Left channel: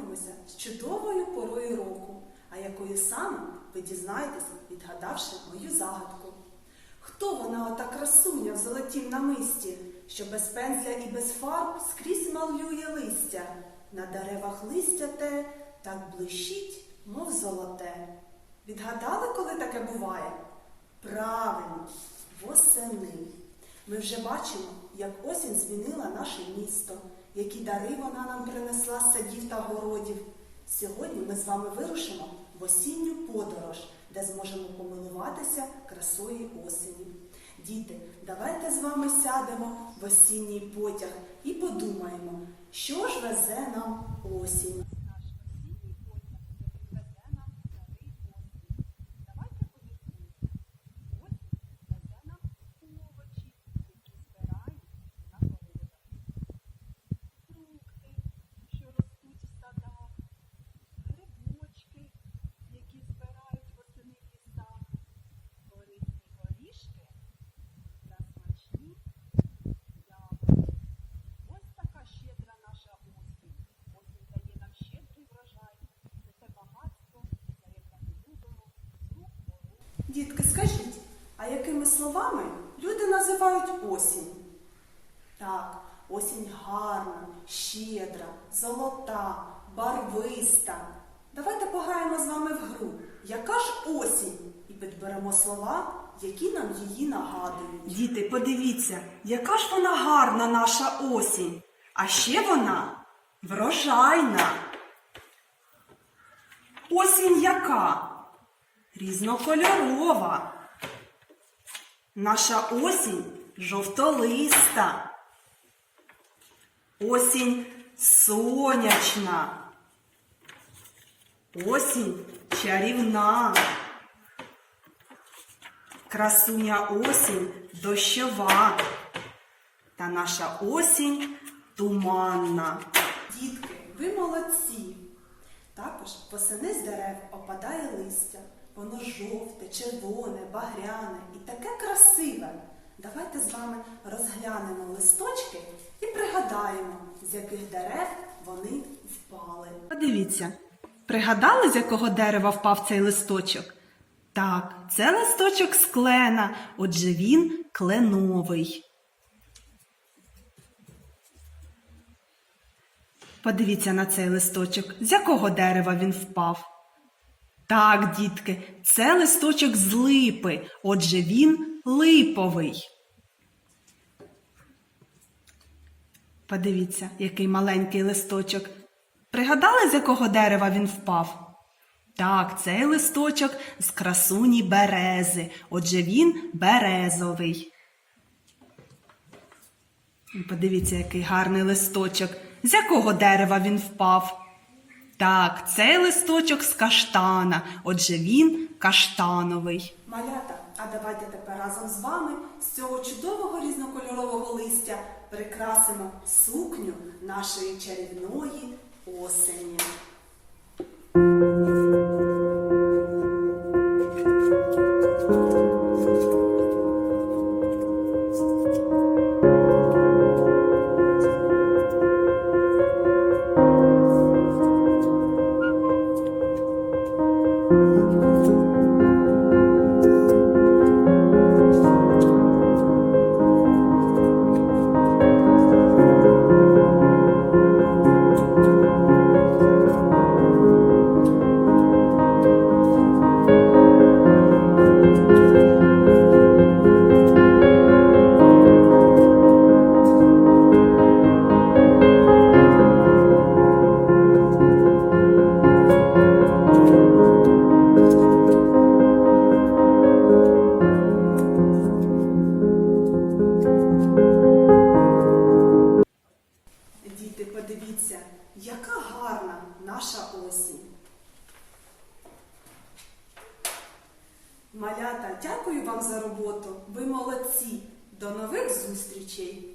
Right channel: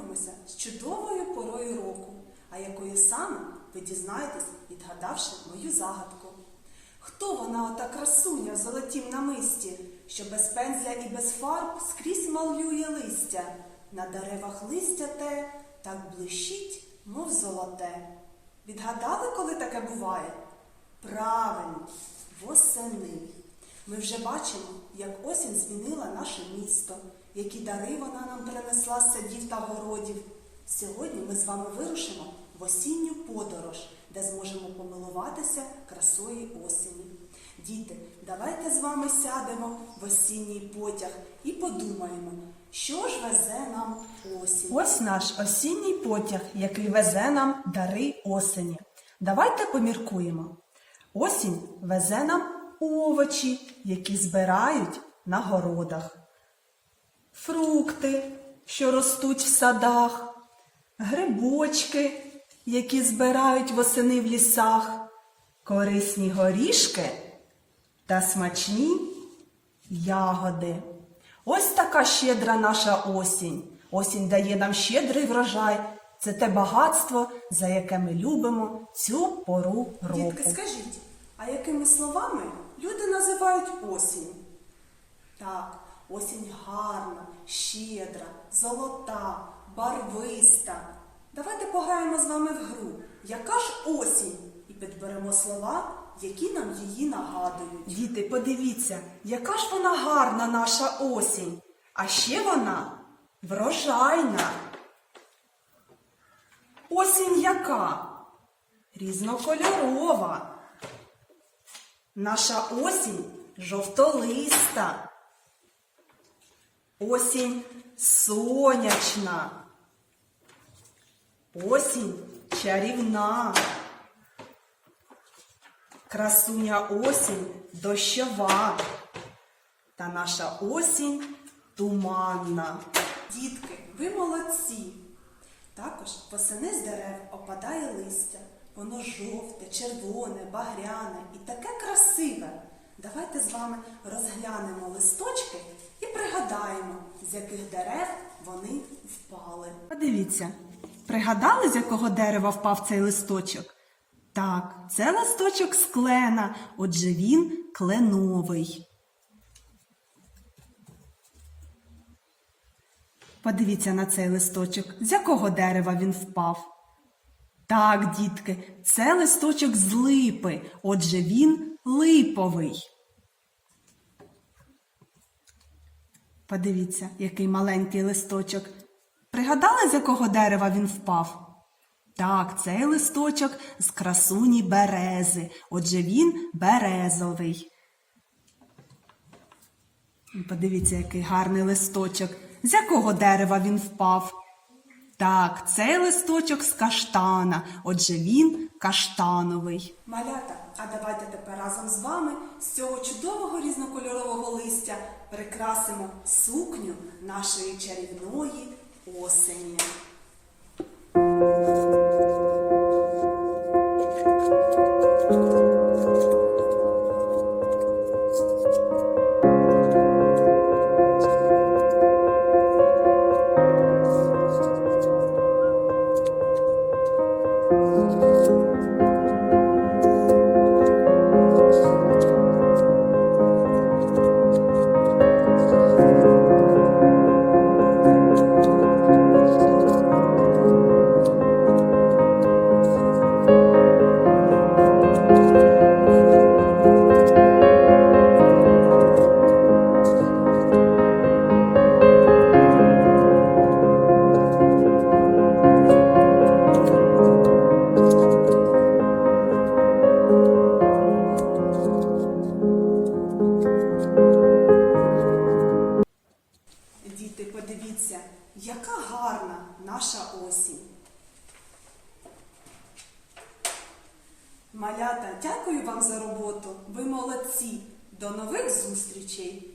ми з з чудовою порою року, а якою саме ви дізнаєтесь, відгадавши мою загадку. Хто вона ота красуня в золотім намисті, що без пензля і без фарб скрізь малює листя, на деревах листя те так блищить, мов золоте. Відгадали, коли таке буває? Правильно, восени. Ми вже бачимо, як осінь змінила наше місто, які дари вона нам принесла з садів та городів. Сьогодні ми з вами вирушимо в осінню подорож, де зможемо помилуватися красою осені. Діти, давайте з вами сядемо в осінній потяг і подумаємо, що ж везе нам осінь. Ось наш осінній потяг, який везе нам дари осені. Давайте поміркуємо. Осінь везе нам овочі, які збирають на городах, фрукти, що ростуть в садах, грибочки, які збирають восени в лісах, корисні горішки та смачні ягоди. Ось така щедра наша осінь. Осінь дає нам щедрий врожай. Це те багатство, за яке ми любимо цю пору року. Дітки, скажіть, а якими словами люди називають осінь? Так, осінь гарна, щедра, золота, барвиста. Давайте пограємо з вами в гру. Яка ж осінь? І підберемо слова, які нам її нагадують. Діти, подивіться, яка ж вона гарна наша осінь. А ще вона врожайна. Осінь яка? Різнокольорова. Наша осінь жовтолиста. Осінь сонячна. Осінь чарівна. Красуня осінь дощова. Та наша осінь туманна. Дітки, ви молодці. Також восени з дерев опадає листя. Воно жовте, червоне, багряне і таке красиве. Давайте з вами розглянемо листочки і пригадаємо, з яких дерев вони впали. Подивіться, пригадали, з якого дерева впав цей листочок? Так, це листочок з клена, отже він кленовий. Подивіться на цей листочок, з якого дерева він впав. Так, дітки, це листочок з липи, отже він липовий. Подивіться, який маленький листочок. Пригадали, з якого дерева він впав? Так, цей листочок з красуні берези, отже він березовий. Подивіться, який гарний листочок. З якого дерева він впав? Так, цей листочок з каштана, отже він каштановий. Малята, а давайте тепер разом з вами з цього чудового різнокольорового листя прикрасимо сукню нашої чарівної осені. Малята, дякую вам за роботу. Ви молодці. До нових зустрічей!